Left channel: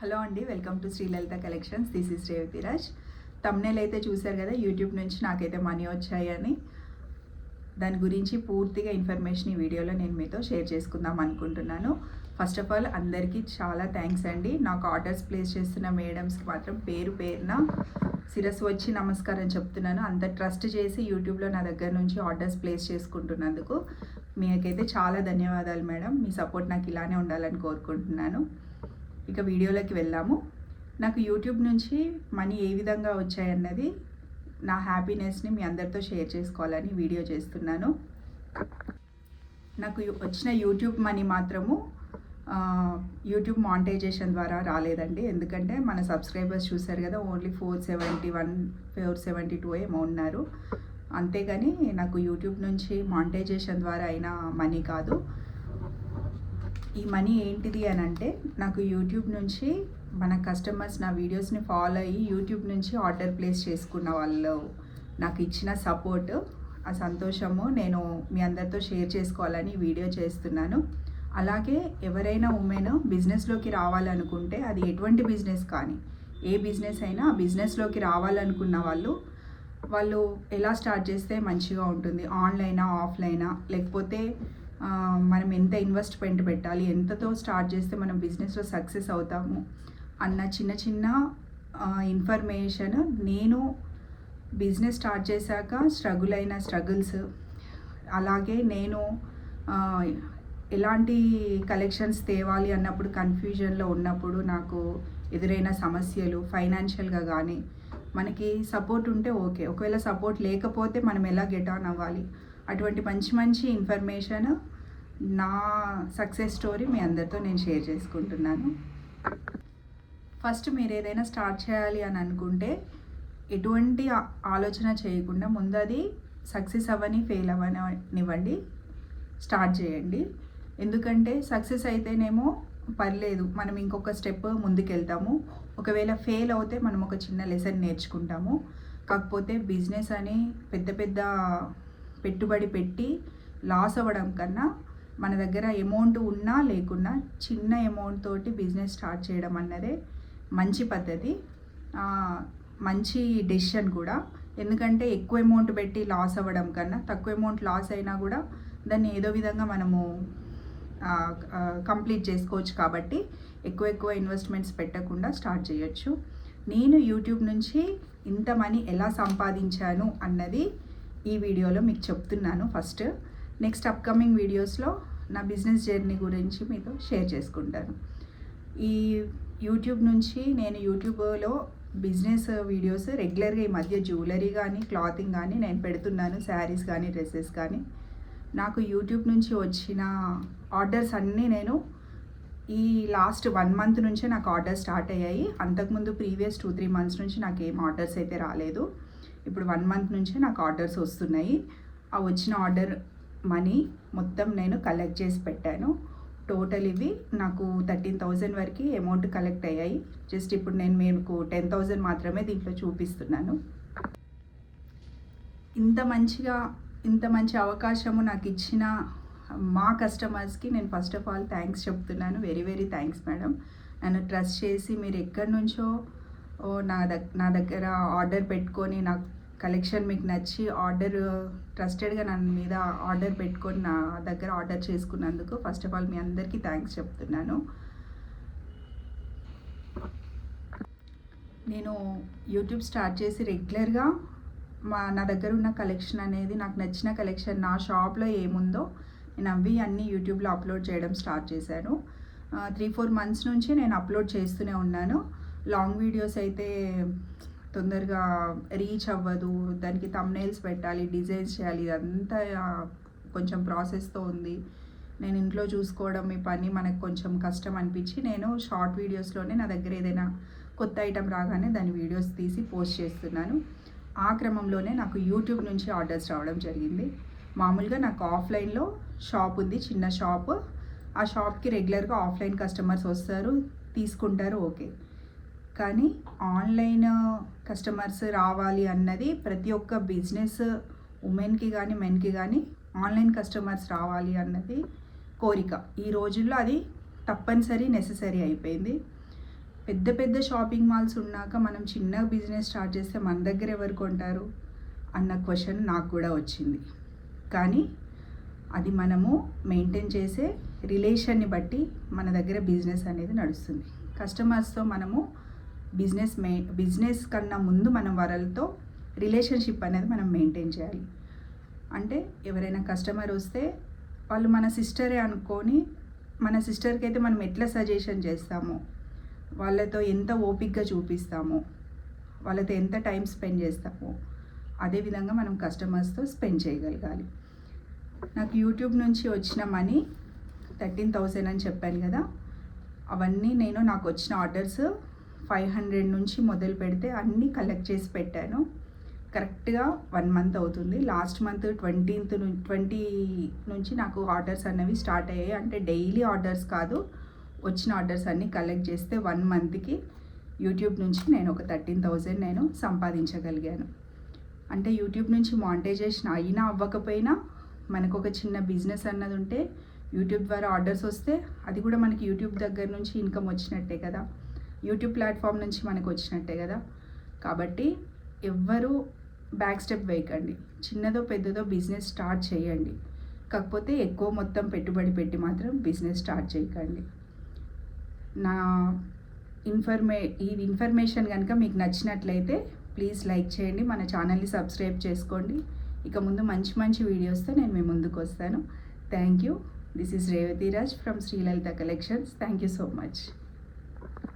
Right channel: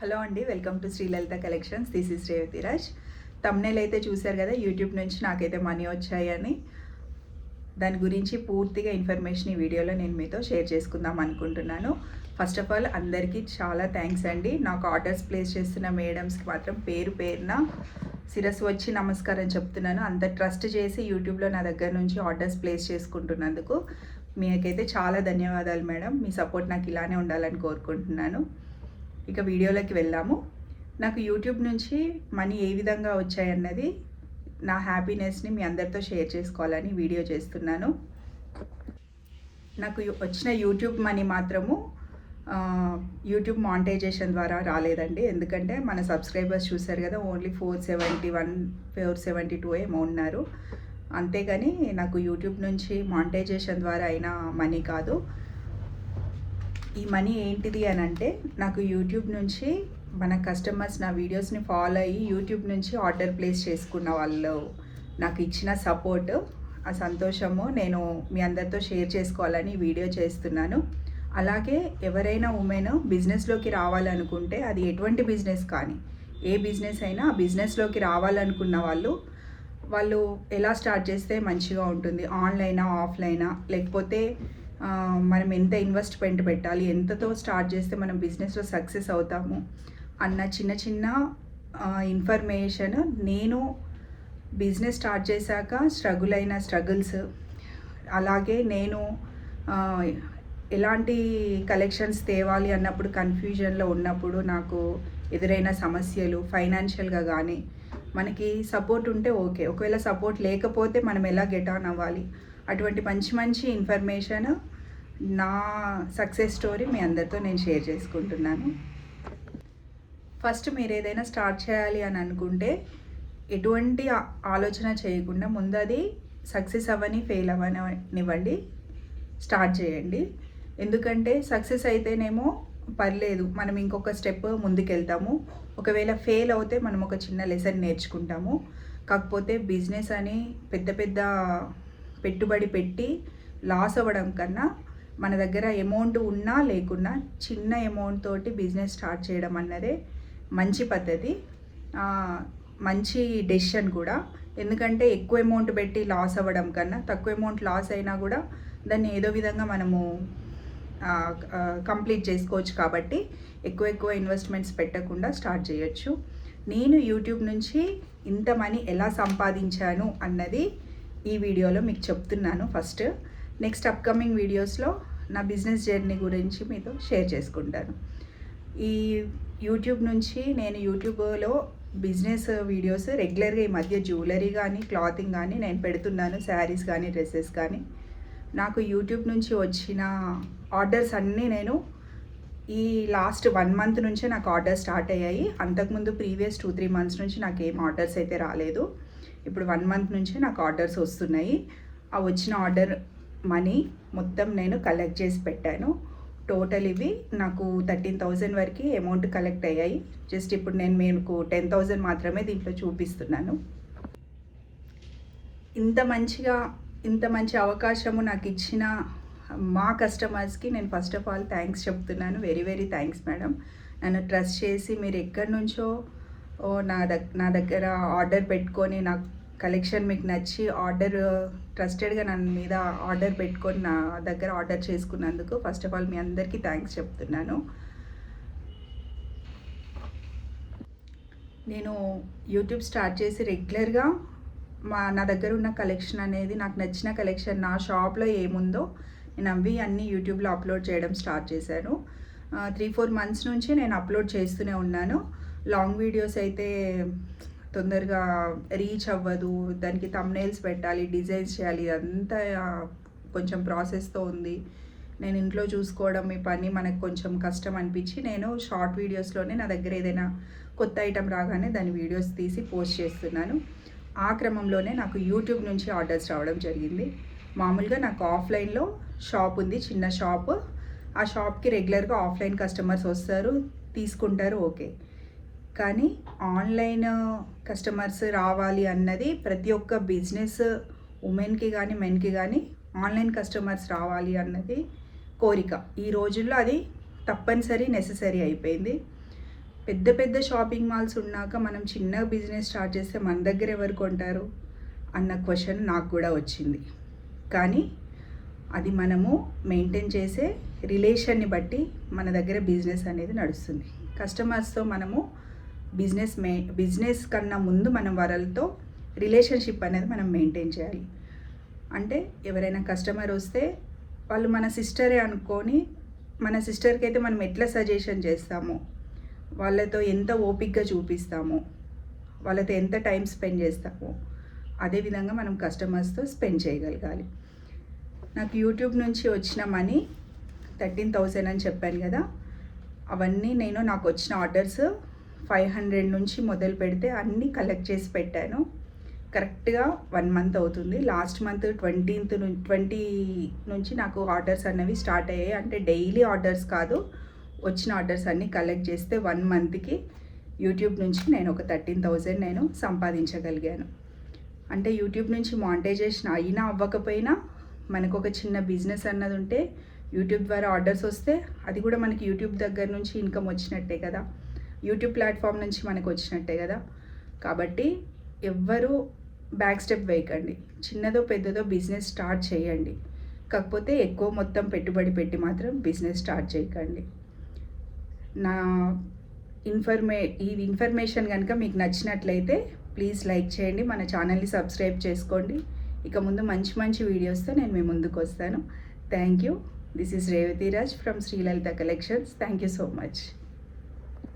Hello అండి welcome to Srilalitha collections. This is Revathiraj thumbnail అయితే చూశారు కదా యూట్యూబ్ నుంచి నాకైతే మనీ వచ్చాయని. దాని గురించి పూర్తిగా ఇన్ఫర్మేషన్ ఈ వీడియోలో నేను మీతో షేర్ చేసుకుందాం అనుకుంటున్నాను. ఫస్ట్ ఆఫ్ ఆల్ అందరికీ చాలా థ్యాంక్స్ అండి. నాకు ఆర్డర్స్ ప్లేస్ చేస్తున్న మేడమ్స్కి మాత్రం పేరు పేరున శిరస్సు వచ్చి నమస్కారం చెప్తున్నాను. అంత ట్రస్ట్ చేసి యూట్యూబ్లో నా దగ్గర నుంచి ఆర్డర్స్ ప్లేస్ చేసుకుంటున్నందుకు మీకైతే చాలా ధన్యవాదాలు మేడం. మీ సపోర్ట్ నాకు ఇలానే ఉండాలని కోరుకుంటున్నాను. ఇక వీడియోలోకి వెళ్దాము నాకు యూట్యూబ్ నుంచి మనీ ఏ విధంగా వచ్చాయన్నది నా హ్యాపీనెస్ని మీ అందరితో షేర్ చేసుకోవాలని వీడియో చేస్తున్నాను. నాకు వచ్చిన యూట్యూబ్ మనీ మాత్రము యూట్యూబ్ మానిటైజేషన్ ద్వారా రాలేదండి. ఎందుకంటే మన సబ్స్క్రైబర్స్ చూశారు కదా only four seventy one four seventy two ఏమో ఉన్నారు. అంతేగాని నాకు యూట్యూబ్ నుంచి మానిటైజేషన్ ద్వారా అయిన మనీ కాదు. ఈ మనీ ఏంటిది అని అంటే నాకు యూట్యూబ్ నుంచి మన కస్టమర్స్ నా వీడియోస్ని ఫాలో అయ్యి యూట్యూబ్ నుంచి ఆర్డర్ ప్లేస్ చేసుకున్న వాళ్ళు నాకు ఇచ్చిన సపోర్ట్ ఆ సంతోషము నేను మీ అందరితో షేర్ చేసుకోవాలని వీడియో చేస్తున్నాను. అలాగే ఎవరైనా ఉమెన్ బిజినెస్లోకి రావాలనుకుంటే అది ఎటువంటి బిజినెస్ కానీ ఏ బిజినెస్ అయినా ఆ బిజినెస్లోకి రావాలనుకున్న వాళ్ళు వాళ్ళు ఎలా స్టార్ట్ చేస్తే మంచిగా ఉంటుంది? ఆన్లైనా ఆఫ్లైనా లేకపోతే మనం ఎంత ఇన్వెస్ట్మెంట్ పెట్టాలి ఎంతతో స్టార్ట్ చేస్తే మనం బిజినెస్లో సక్సెస్ అవుతాము అన్న చిన్న చిన్న ఇన్ఫర్మేషన్ నేను బిజినెస్ స్టార్ట్ చేశాక స్ట్రగుల్ అయిన స్ట్రగుల్స్ అలాగే నేను ఎలాంటి కలెక్షన్స్ తేవాలి అన్నప్పుడు కన్ఫ్యూజన్లో ఉన్నప్పుడు నాకు ఎదురైన సమస్యలు ఫైనాన్షియల్గా కానీ మనకి సపోర్ట్ ఉంటే ఓకే ఒకవేళ సపోర్ట్ లేకపోతే మనం ఎలా గెట్ ఆన్ అవ్వాలి? అటువంటి మంచి మంచి ఇన్ఫర్మేషన్ నా సక్సెస్ స్టోరీ మీ అందరితో నేను షేర్ చేసుకుంటున్నాను. ఫస్ట్ మీరు ఏదైనా స్టార్ట్ చేయాలి అని అనుకుంటే ఎటువంటి ఆలోచన చేయకుండా ముందు అది సక్సెస్ అవ్వని ఫెయిల్ అవ్వనివ్వండి. స్టార్ట్ చేయండి. ఎందుకంటే సక్సెస్ అయితేనేమో పర్లేదు మనం ఇంకొక స్టెప్ ముందుకెళ్తాము. ఒకవేళ ఫెయిల్ అవుతే మనం ఒక చిన్న లెసన్ నేర్చుకుంటాము. కాకపోతే బిజినెస్ అని పెద్ద పెద్ద పెట్టుబడి పెట్టి లాస్ అవ్వడం కన్నా మన దగ్గర అమౌంట్ ఉన్నా లేకున్నా చిన్న అమౌంట్ తోటి బిజినెస్ స్టార్ట్ చేయడం అన్నదే మంచి పద్ధతి. మంచి డెసిషన్ కూడా. ఎందుకంటే ఎక్కువ అమౌంట్ పెట్టి లాస్ అవ్వడం కన్నా తక్కువ అమౌంట్ లాస్ అయినా కూడా దాన్ని ఏదో విధంగా మనము కంప్లీట్ చేసుకోవచ్చు కాబట్టి ఎక్కువ ఎక్కువ ఇన్వెస్ట్మెంట్స్ పెట్టకుండా స్టార్ట్ చేయొచ్చు. నేను యూట్యూబ్ నుంచి ఇంత మనీ ఎలా సంపాదించాను అన్నది ఈ వీడియోలో మీకు చెప్తున్నాను. ఫస్ట్ నెక్స్ట్ అప్కమింగ్ వీడియోస్లో నా బిజినెస్ జర్నీ గురించి మీతో షేర్ చేసుకుంటాను. ఈ యూట్యూబ్ నుంచి నేను యూట్యూబ్లో బిజినెస్ వీడియోస్ రెగ్యులర్గా ఈ మధ్య జ్యువెలరీ కానీ క్లాతింగ్ కానీ నేను పెడుతున్నాను. శారీస్ కానీ డ్రెస్సెస్ కానీ నాకు యూట్యూబ్ నుంచి వచ్చిన ఆర్డర్స్ అన్నీ నేను ఈ లాస్ట్ వన్ మంత్ నుంచే నాకు ఆర్డర్స్ స్టార్ట్ అయ్యాయి. అంతకుముందు ప్రీవియస్ టూ త్రీ మంత్స్ నుంచి నాకు ఏం ఆర్డర్స్ అయితే రాలేదు. ఇప్పుడు వన్ మంత్ నుంచే నాకు ఆర్డర్స్ వస్తున్నాయి. ఆ వచ్చిన ఆర్డర్ మనీ మొత్తం నేను కలెక్ట్ చేసి పెట్టాను. టోటల్ ఇవి నాకు థర్టీన్ థౌజండ్ వరకు అమౌంట్ కలెక్ట్ అయ్యాయి. జస్ట్ ఇప్పుడు నేను మీకు టెన్ థౌజండ్ మాత్రమే దీంట్లో చూపిస్తున్నాను. ఇంత మంచిగా ఇంత మంచి అవకాశము నాకు ఇచ్చిన మా కస్టమర్స్కి నేను ఫస్ట్ ఆఫ్ ఆల్ థ్యాంక్స్ చెప్తున్నాను. వెరీ వెరీ థ్యాంక్స్ మేడం నన్ను ట్రస్ట్ చేసి మీరు ఎక్కడి నుంచో ఓ నా దగ్ నా దగ్గర ఆర్డర్ పెట్టుకొని నాకు కలెక్షన్ మీకు నచ్చి ఆర్డర్ ట్రస్టెడ్గా నన్ను మీద ఆర్డర్ పెట్టుకొని నా దగ్గర ఆర్డర్ చేసుకున్నందుకు ఫస్ట్ ఆఫ్ ఆల్ మీ అందరికీ థ్యాంక్స్ చెప్తున్నాను. నేను యూట్యూబ్ స్టార్ట్ చేసి రెగ్యులర్గా మా నా దగ్గర ఉన్న కలెక్షన్ అనేది నాకు నచ్చిన కలెక్షన్ నా షాప్లో ఏముందో నేను అవి అన్నీ యూట్యూబ్లో అప్లోడ్ చేయడం స్టార్ట్ చేశాను. త్రీ ఫోర్ మంత్స్ నుంచి నేను అప్లోడ్ చేస్తూనే ఉన్నాను. లాంగ్ వీడియోస్ అయితే తొందరగా రీచ్ అవ్వదు దానికి తమ్నైల్స్ పెట్టాలి డిజైన్స్ చేయాలి ఇదంతా కొంచెం ప్రాసెస్తో ఉంది. నేను ఇంట్లో చూసుకోవడం ఈ పని మనకు కొంచెం కష్టం అనిపించి నేను షార్ట్ వీడియోస్లోనే నా దగ్గర ఏదైనా కొత్త ఐటెం రాగానే దాని వీడియోస్ తీసి పోస్ట్ చేస్తున్నాను. ఆ క్రమంలోనే నాకు యూట్యూబ్ నుంచి ఆర్డర్స్ రావడం జరిగింది. మామూలుగా నాకు ఆఫ్లైన్లో షాప్ ఉంది చిన్న షాప్ ఆ షాప్కి రెగ్యులర్గా ఆఫ్లైన్ కస్టమర్స్ వస్తారు తీసుకుంటారు ఓకే. కానీ ఆన్లైన్ కస్టమర్స్ రావాలి అన్నది ప్రతి ఒక్క బిజినెస్ ఉమెన్కి కానీ మెన్కి కానీ ఆన్లైన్ కస్టమర్స్ రావాలి అన్నది కోరిక. ఈ రోజుల్లో అది తప్పనిసరి నెససరీ అయిపోయింది. పెద్ద పెద్ద షాపింగ్ మాల్స్ ఉన్నాక మనం చిన్న బిజినెస్ స్టార్ట్ చేస్తే మన దగ్గర ఎవరు కొంటారు? అన్న క్వశ్చన్ నాకు కూడా వచ్చింది. కానీ అది మనము మెయింటైన్ చేసే రిలేషన్ని బట్టి మన దగ్గర బిజినెస్ అనేది నడుస్తుంది. కస్టమర్స్తో మనము బిజినెస్ మే బిజినెస్ కన్నా ముందు మనం వాళ్ళతో రిలేషన్షిప్ అనేది మనం మెయింటైన్ చేయాలి. అంటే ఎవరైనా కస్టమర్ వస్తే వాళ్ళు మన సిస్టరే అనుకొని మన సిస్టర్కి అయితే మనం ఎట్లా సజెషన్ చేస్తామో వాళ్ళతో ఎంత ఓపిక్గా చూపిస్తామో వాళ్ళతో ఎంత టైం స్పెండ్ చేస్తాము అదేవిధంగా మనం కస్టమర్స్తో స్పెండ్ చేయగలగాలి. నాకు యూట్యూబ్ నుంచి వచ్చిన మనీ థర్టీన్ థౌజండ్ అని చెప్పాను కదా అవన్నీ నేను నాకు వచ్చిన ఆర్డర్స్ ఫైవ్ హండ్రెడ్ నుంచి మొదలు పెడితే అన్నీ కలెక్ట్ చేసి పెట్టాను. కరెక్ట్గా వన్ మంత్ అవుతుంది. లాస్ట్ మంత్ ట్వంటీన్త్ ట్వంటీ నుంచి నాకు ఆర్డర్స్ అనేవి స్టార్ట్ అయ్యాయి. అంటే డైలీ ఆర్డర్స్ కాదు వచ్చిన ఆర్డర్స్ అన్నీ కలెక్ట్ చేస్తే వన్ మంత్కి యూట్యూబ్ నుంచి నేను ఒక థర్టీన్ థౌజండ్ నేను సంపాదించగలిగాను. అంటే యూట్యూబ్ నుంచి మానిటైజేషన్ అయినా అవ్వకపోయినా మనకు ఒక చిన్న బిజినెస్ అన్నది ఉంటే యూట్యూబ్ ద్వారా ఆర్డర్స్ వస్తే అది కూడా మనకి యూట్యూబ్ దగ్గర నుంచి ఇన్కమ్ వచ్చినట్టే కదా. యూట్యూబ్ ప్లాట్ఫామ్ నుంచి మనకు వచ్చినట్టే కదా. కాబట్టి ఎవ్వరూ బ్యాక్ స్టెప్ వేయకండి. చిన్నదో పెద్దదో బిజినెస్ స్టార్ట్ చేయండి. కాకపోతే ఎక్కువ మొత్తం పెట్టుబడి పెట్టి మాత్రం బిజినెస్ స్టార్ట్ చేయకండి. నా ఇన్ఫర్మే ఈ ఇన్ఫర్మేషన్ కనుక మీకు నచ్చినట్లయితే ప్లీజ్ లైక్ చేయండి మన ఛానల్ని సబ్స్క్రైబ్ చేసుకోండి. ఇక ముందు మంచి మంచి వీడియోస్తో నేను మీ ముందుకు వస్తాను. Thank you. This is Revathiraj from Srilalitha collections. Thank you so much.